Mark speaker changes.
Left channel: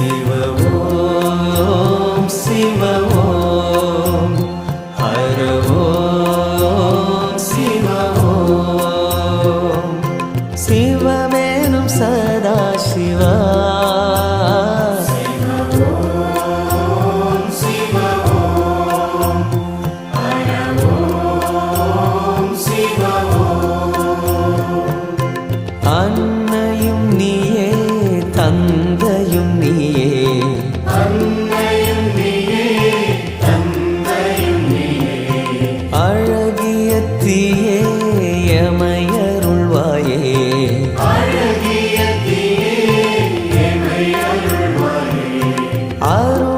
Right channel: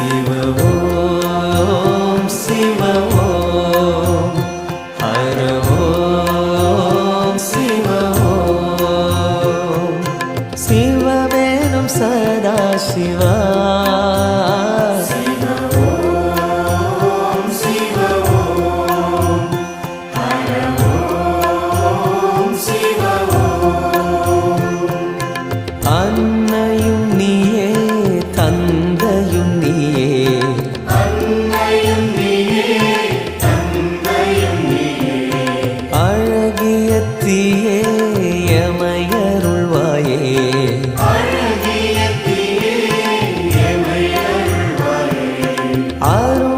Speaker 1: சிவவோம் சிவவோம் ஹரவோம் சிவவோம்
Speaker 2: சிவமேனும் சதா சிவா அன்னையும் நீயே தந்தையும் நீயே அழகிய தீயே எமையருள்வாயே அருள்